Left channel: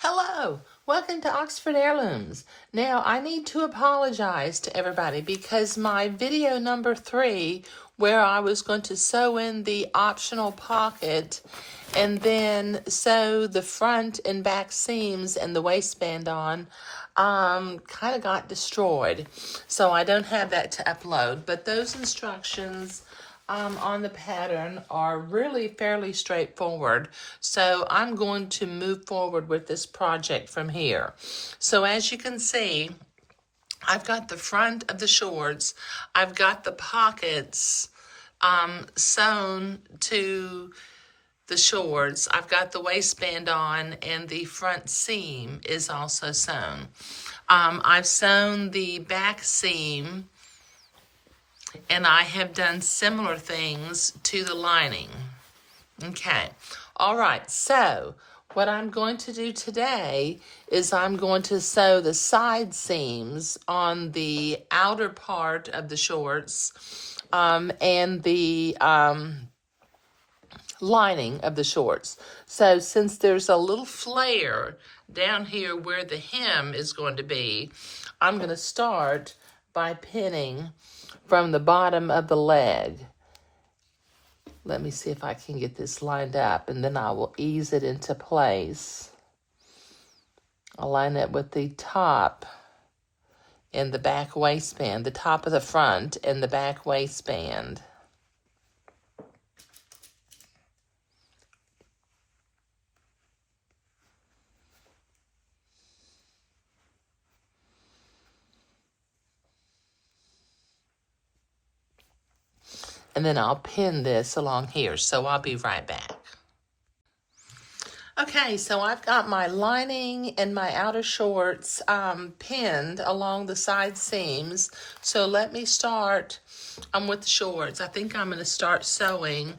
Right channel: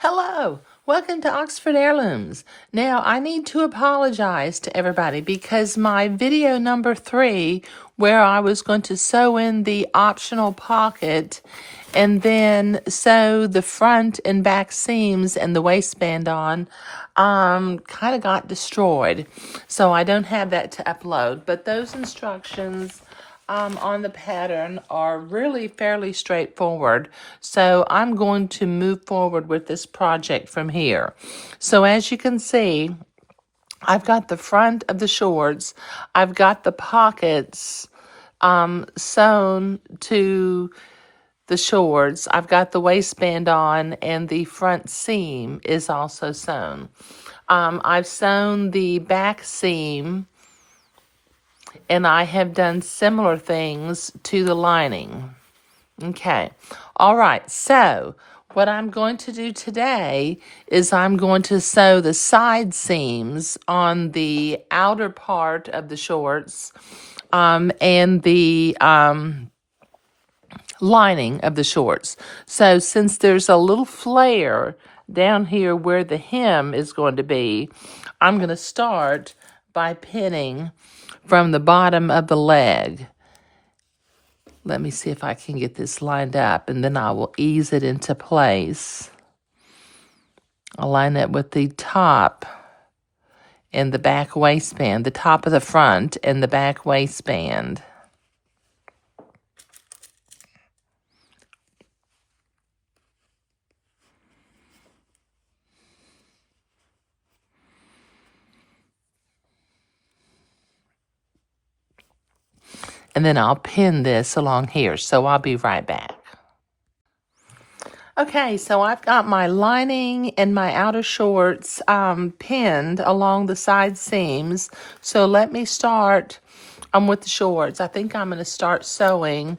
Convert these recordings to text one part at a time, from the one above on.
Hello, welcome to Oxford Heirlooms. Now, I need to apologize to everybody because my video number 3, where I was going to sew in the optional pocket and then sew the front and back seams and the waistband on, kind of got destroyed. So I don't have that to upload, but those instructions on the pattern are really fairly straightforward. So I'm going to move forward with this project from here. So as you can see, I've got the front of the shorts. I've got the pockets sewn to the shorts. I've got the waistband on and the front seam is also sewn. I've sewn the back seam and I have done similar things to the lining. Okay. All right. So what I'm going to do today is I'm going to sew the side seams on the outer part of the shorts and the lining of the shorts. So since there's a little flare down here where the hem is going to be, I'm going to start by pinning from the bottom of the leg. Let me see if I can get this lined up, and then I will ease it into place. I'll line it with the top and the back waistband, the top of the front and the back waistband. And then I'll pin this along here, so I'll be right back. Okay, so I've got my lining and my outer shorts pinned along the side seams. So let me start with the shorts. I think I'm going to start sewing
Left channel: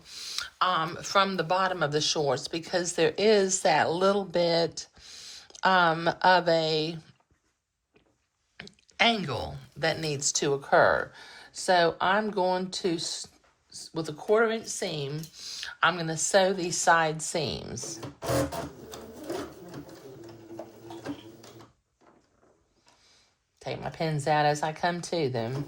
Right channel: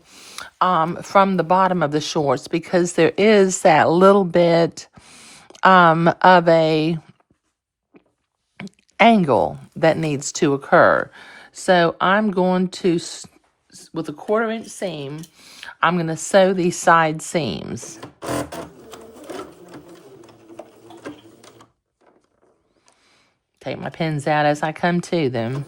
from the bottom of the shorts because there is that little bit of a angle that needs to occur. So I'm going to, with a 1/4 inch seam, I'm going to sew these side seams. Take my pins out as I come to them.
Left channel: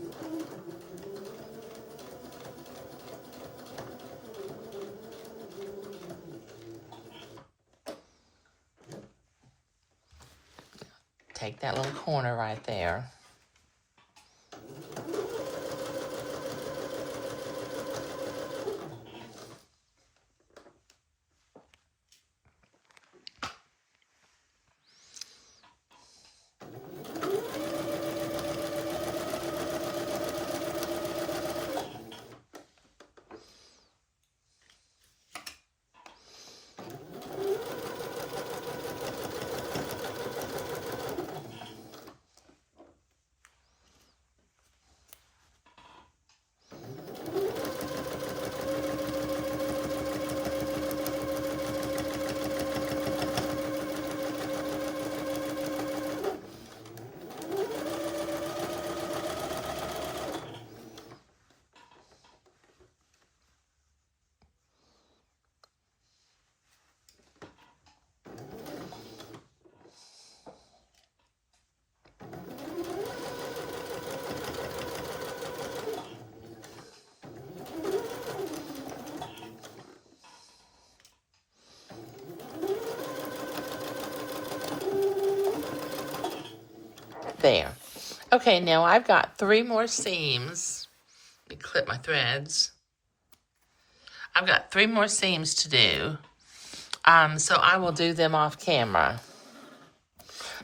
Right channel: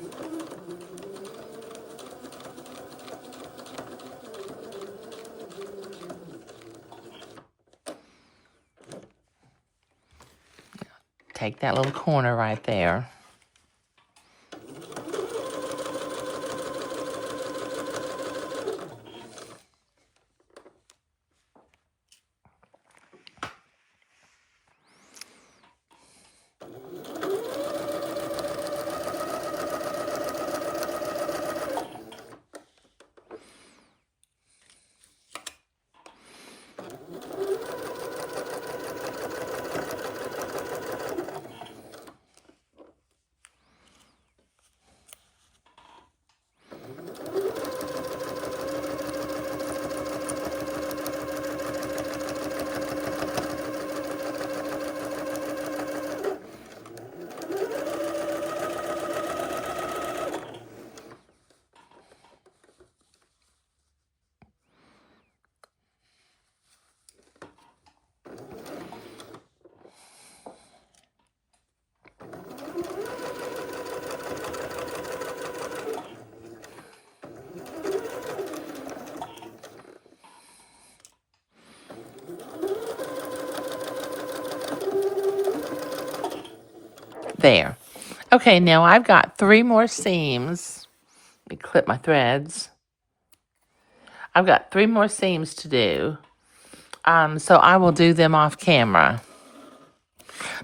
Take that little corner right there. There. Okay, now I've got 3 more seams. Let me clip my threads. I've got 3 more seams to do. So I will do them off camera.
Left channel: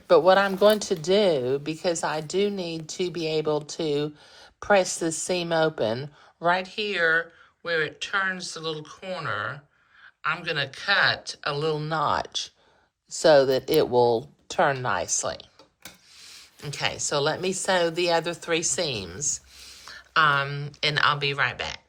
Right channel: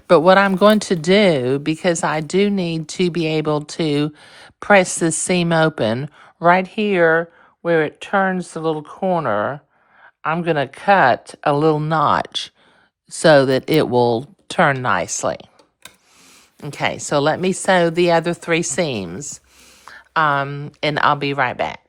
But what I'm going to do, because I do need to be able to press this seam open, right here where it turns the little corner, I'm going to cut a little notch so that it will turn nicely. Okay, so let me sew the other 3 seams, and I'll be right back.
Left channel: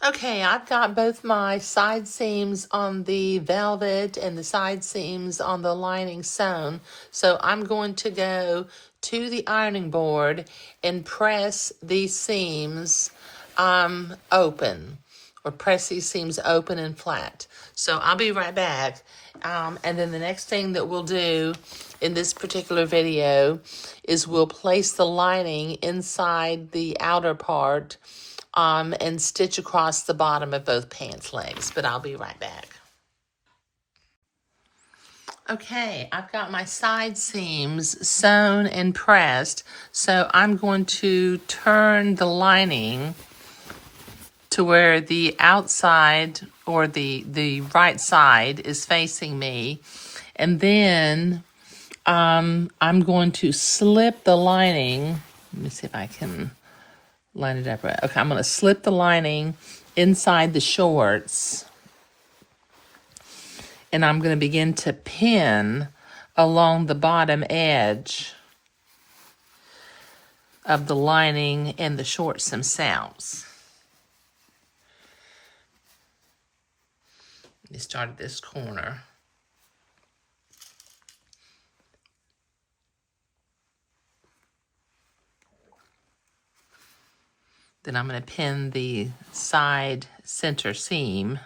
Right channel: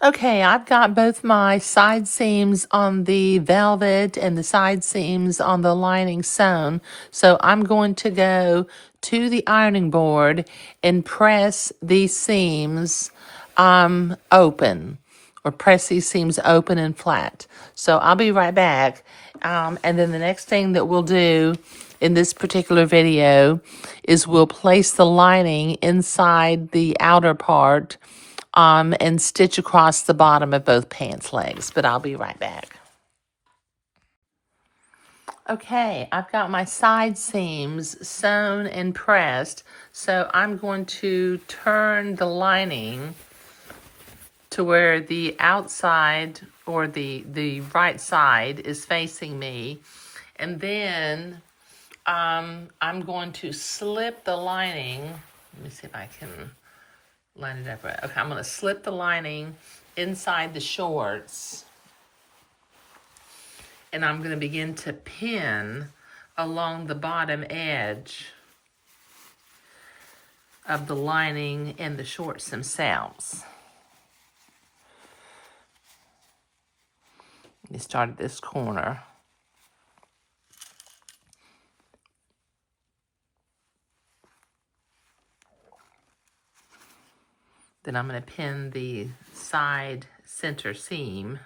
Okay, I've got both my side seams on the velvet and the side seams on the lining sewn. So I'm going to go to the ironing board and press these seams open or press these seams open and flat. So I'll be right back. And then the next thing that we'll do in this particular video is we'll place the lining inside the outer part and stitch across the bottom of both pants legs. But I'll be right back. Okay, I've got my side seams sewn and pressed, so I'm going to turn the lining to where the outside or the right side is facing me, and then I'm going to slip the lining. Let me see if I can line it up right. Okay, I'm going to slip the lining inside the shorts, and I'm going to begin to pin along the bottom edge of the lining and the shorts themselves. You start at this corner. Then I'm going to pin the side center seam.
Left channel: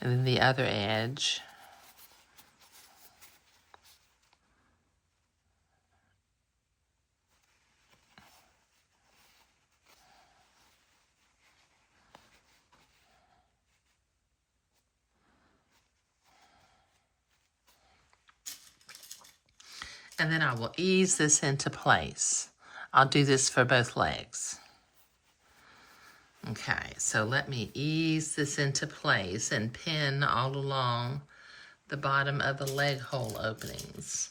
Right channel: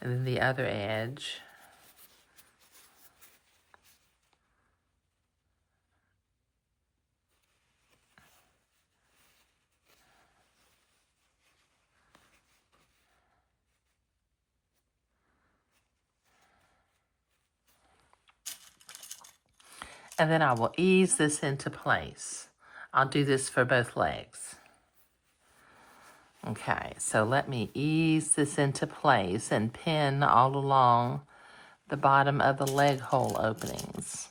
And then the other edge. And then I will ease this into place. I'll do this for both legs. Okay, so let me ease this into place and pin all along the bottom of the leg hole openings.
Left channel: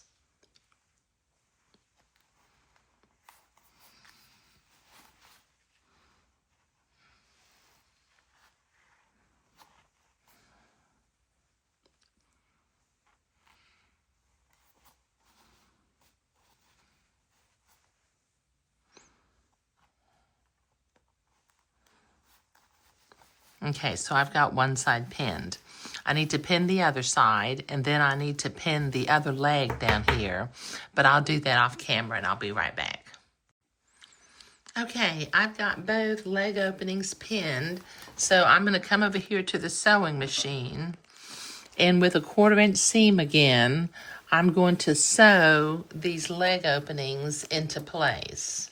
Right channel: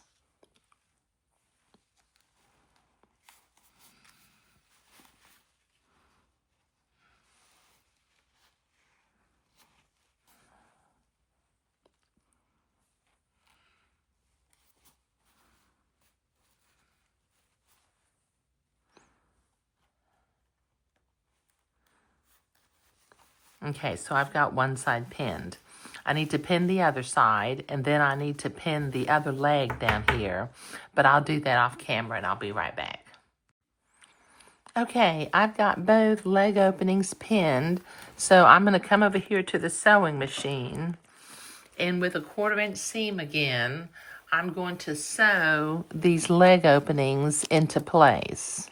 Okay, so I've got one side pinned. I need to pin the other side, and then I need to pin the other leg down here, but I'll do that off camera and I'll be right back. Okay, I've got both leg openings pinned, so I'm going to come over here to the sewing machine, and with a 1/4 inch seam again, I'm going to sew these leg openings into place.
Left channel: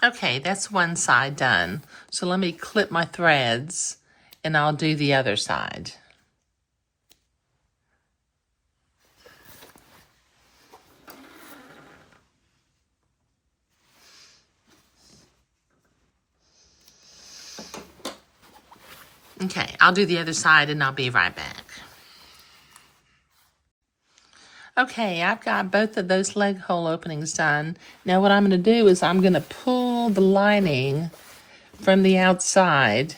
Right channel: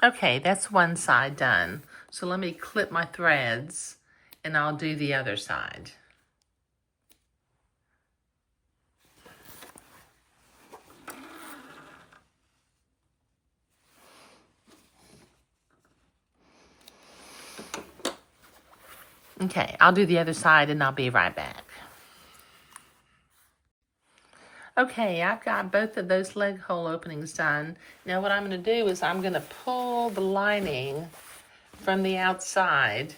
Okay, that's one side done. So let me clip my threads and I'll do the other side. Okay, I'll do the other side and I'll be right back. Okay, I've got both of those leg hole openings done. Now what I'm going to do is I'm going to pull the lining from the outside.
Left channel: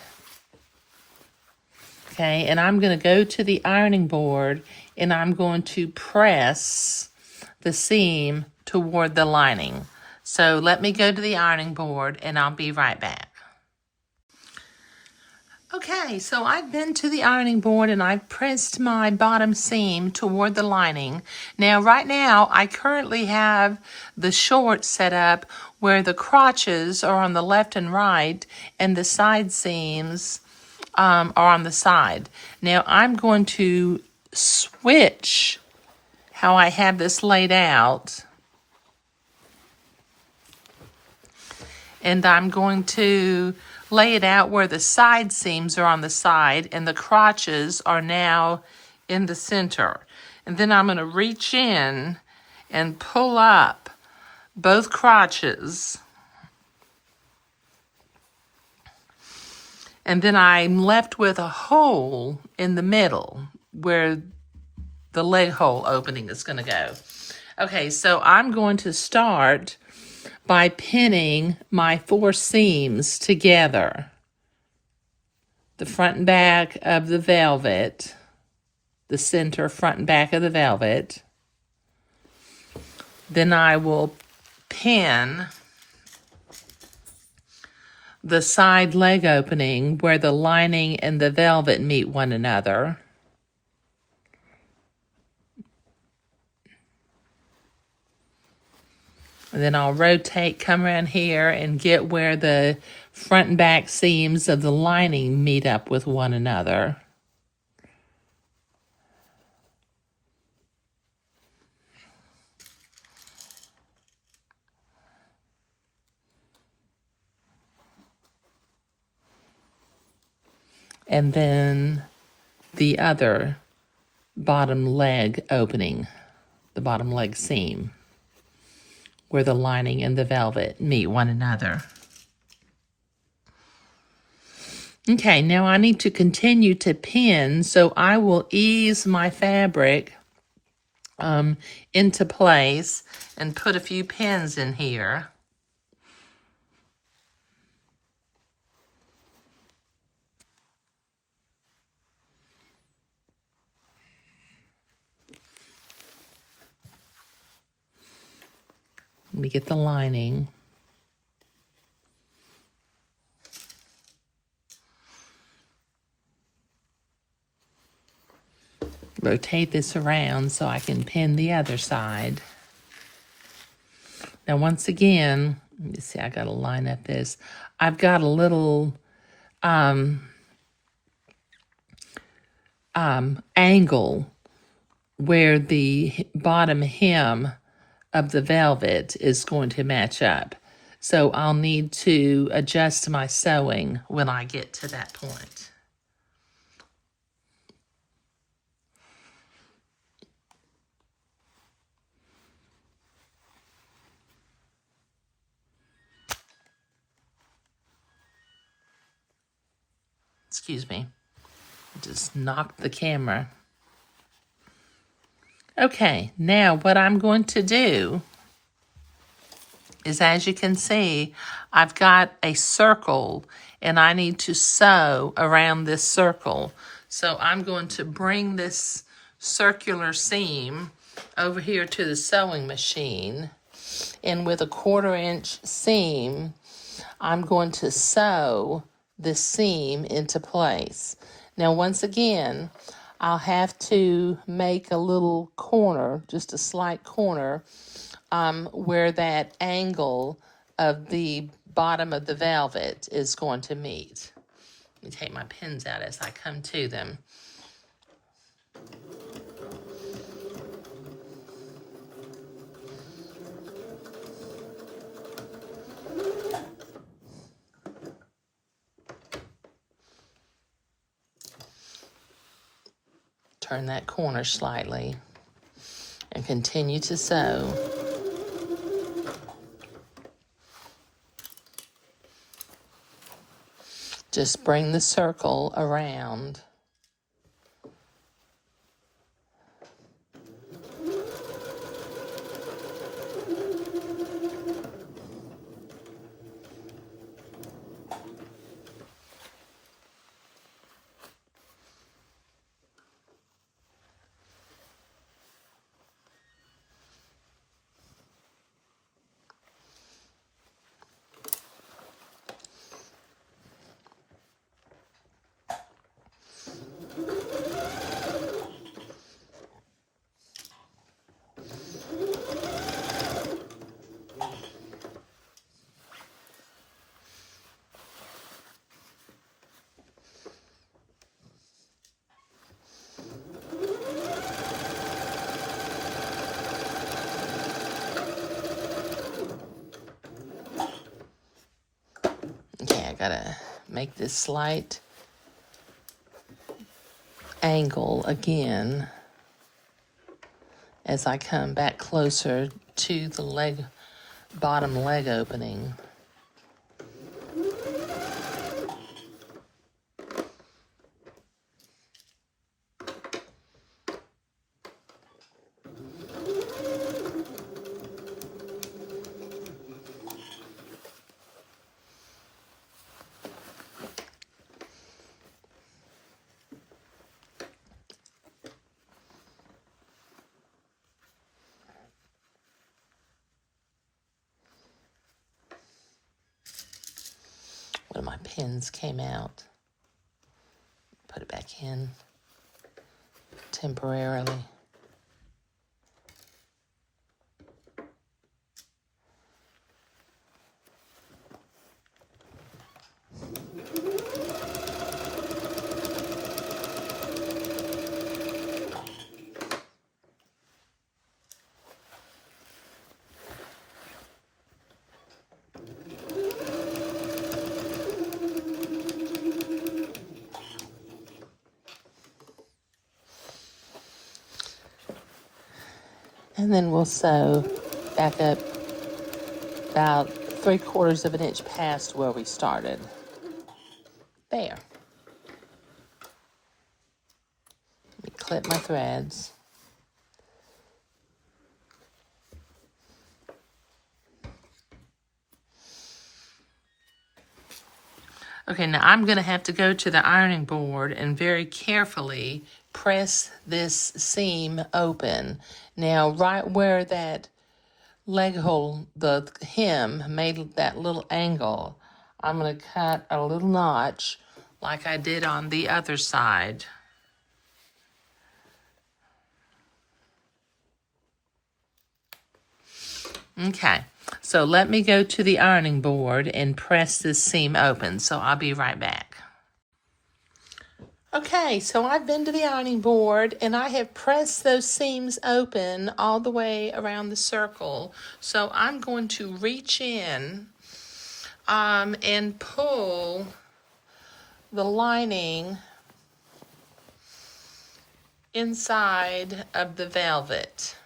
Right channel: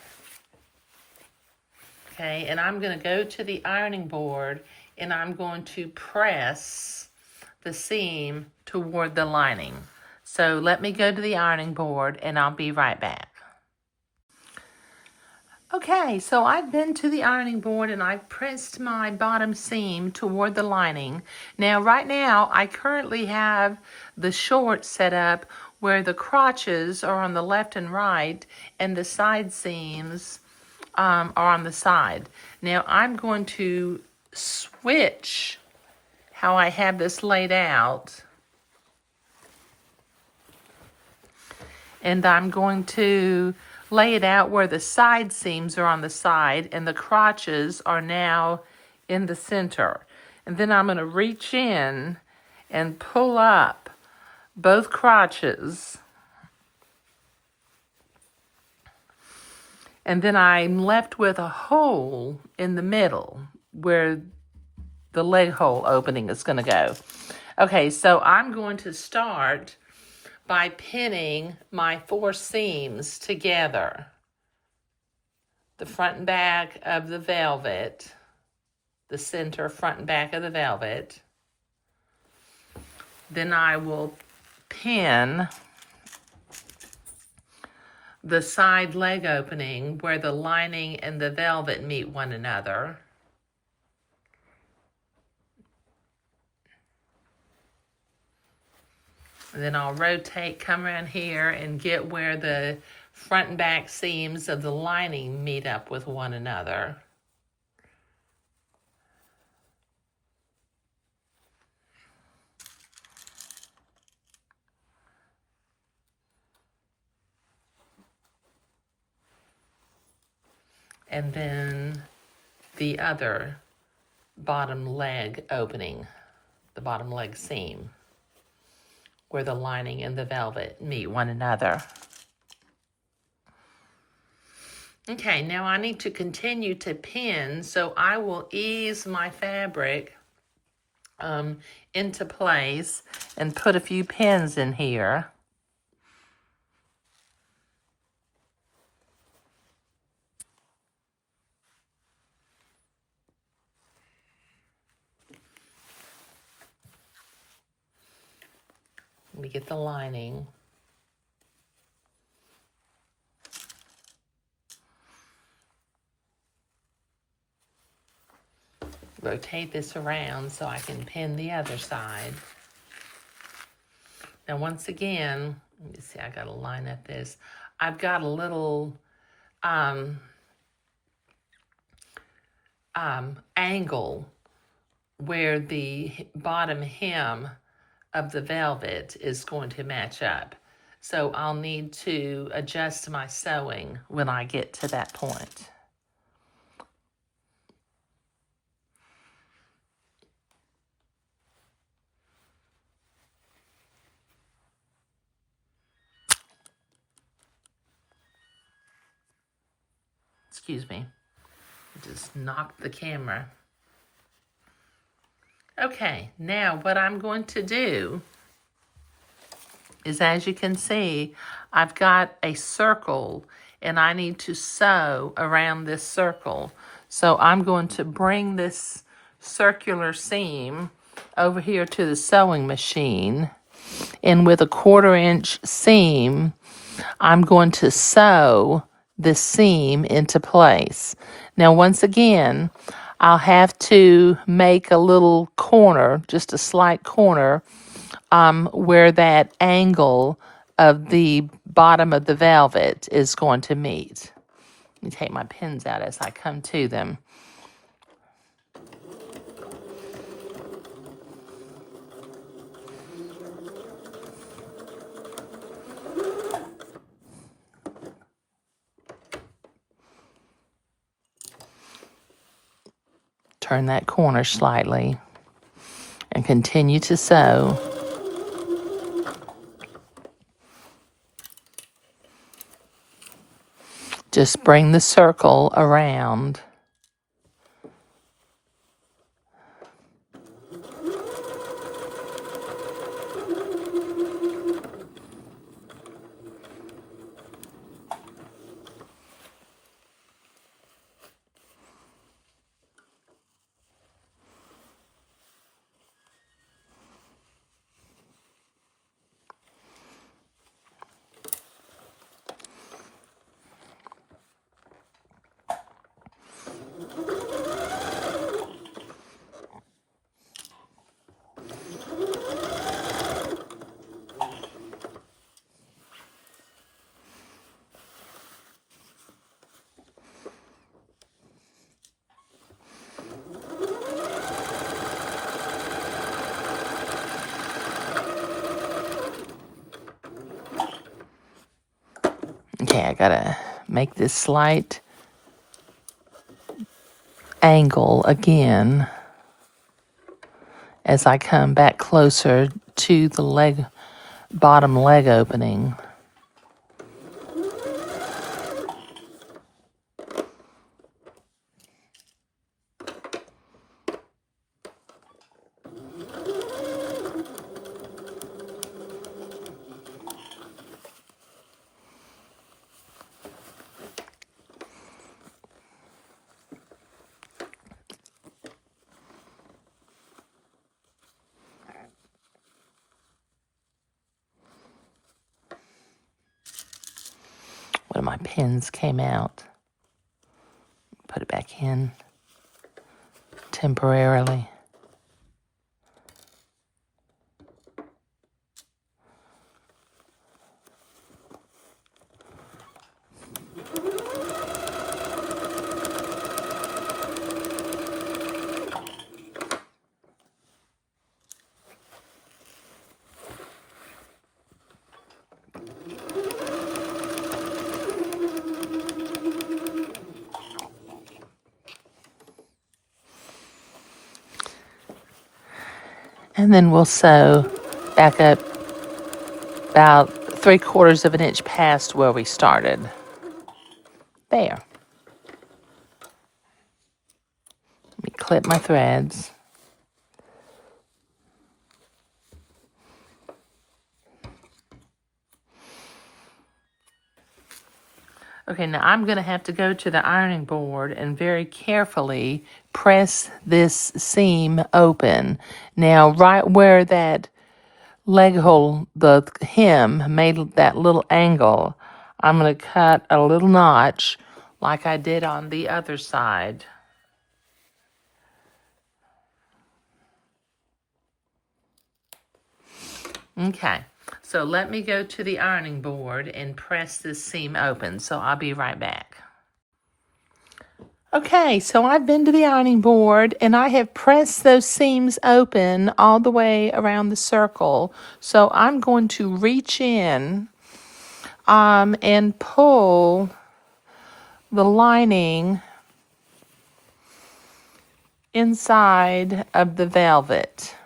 Okay, and I'm going to go to the ironing board and I'm going to press the seam toward the lining. So let me go to the ironing board and I'll be right back. Okay, so I've been to the ironing board and I've pressed my bottom seam toward the lining. Now, right now, I currently have the short set up where the crotches are on the left and right and the side seams are on the side. Now, I'm going to switch how I have this laid out. And I'm going to lay it out where the side seams are on the side and the crotches are now in the center. And then I'm going to reach in and pull up both crotches. And then I'm left with a hole in the middle where the leg hole opening is going to go. Okay, so I'm going to start by pinning my 4 seams together. The front and back of the velvet, the center front and back of the velvet. Then I will pin the side leg opening where the lining and the velvet meet one another. And then I'll rotate, come around here and get where the front and back seams of the lining meet up with one another. And then the other bottom leg opening, the bottom leg seam, where the lining and the velvet meet one another. Okay, now I need to continue to pin, so I will ease my fabric into place and put a few pins in here. Let me get the lining. Rotate this around so I can pin the other side. Now once again, let me see, I gotta line up this. I've got a little angle where the bottom hem of the velvet is going to match up. So I'll need to adjust my sewing when I get to that point. Excuse me, I just knocked the camera. Okay, now what I'm going to do is, as you can see, I've got a circle and I need to sew around this circle. So I'm going to bring this circular seam over here to the sewing machine, and with a 1/4 inch seam, I'm going to sew this seam into place. Now, once again, I'll have to make a little corner, just a slight corner, where that angle of the bottom of the velvet is going to meet. Let me take my pins out as I come to them. Turn that corner slightly and continue to sew. Just bring the circle around. gotta make this slight angle again as I come back closer to the bottom leg opening. One of my pins came out. Put it back in temporarily. And then we'll sew back up about 3/4 of an inch past where we started. There. Let me clip my threads. Okay, now I'm going to have to go to the ironing board and very carefully press this seam open. Now, right where that leg hole, the hem, made that little angle, I'm going to cut a little notch like I did on the other side. Okay, so let me go to the ironing board and press this seam open. So I'll be right back. Okay, so I've been to the ironing board and I have pressed those seams open all the way around the circle. So I'm going to reach in and pull the lining inside of the velvet.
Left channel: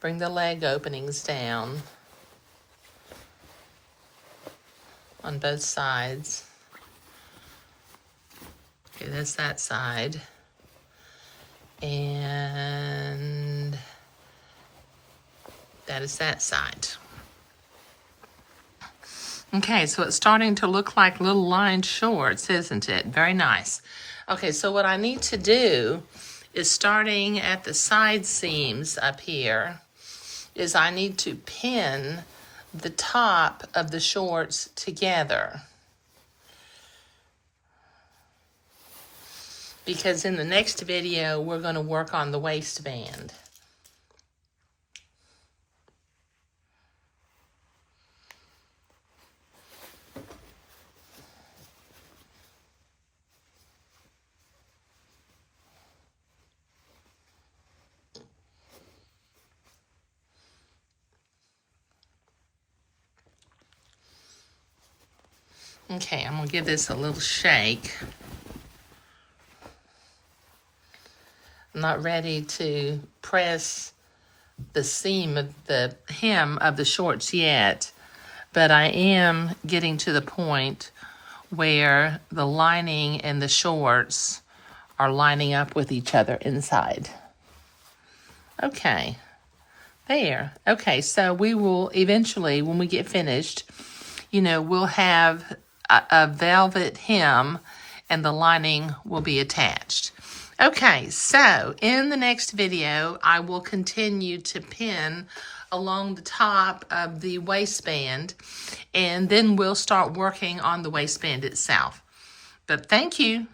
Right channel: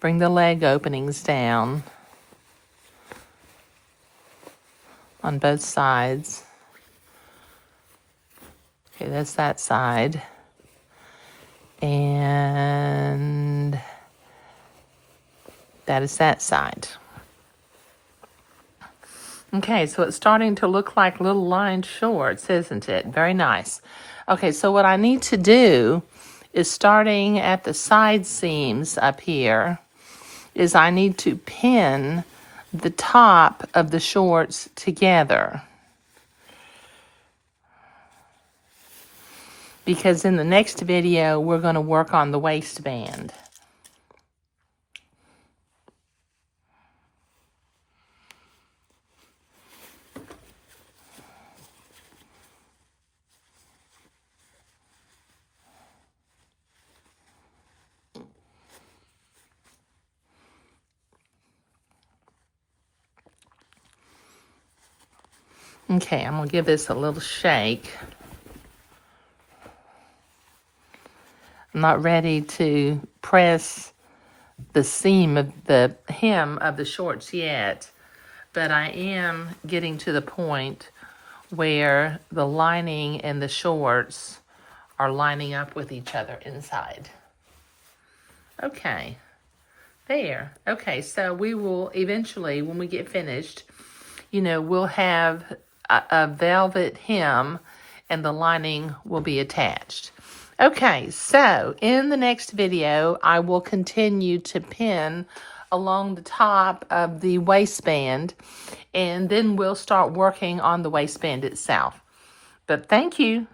Bring the leg openings down on both sides. Okay, that's that side. And that is that side. Okay, so it's starting to look like little lined shorts, isn't it? Very nice. Okay, so what I need to do is, starting at the side seams up here, is I need to pin the top of the shorts together. Because in the next video, we're going to work on the waistband. Okay, I'm going to give this a little shake. I'm not ready to press the seam of the hem of the shorts yet, but I am getting to the point where the lining and the shorts are lining up with each other inside. Okay, there. Okay, so we will eventually, when we get finished, we'll have a velvet hem and the lining will be attached. Okay, so in the next video, I will continue to pin along the top of the waistband, and then we'll start working on the waistband itself. But thank you.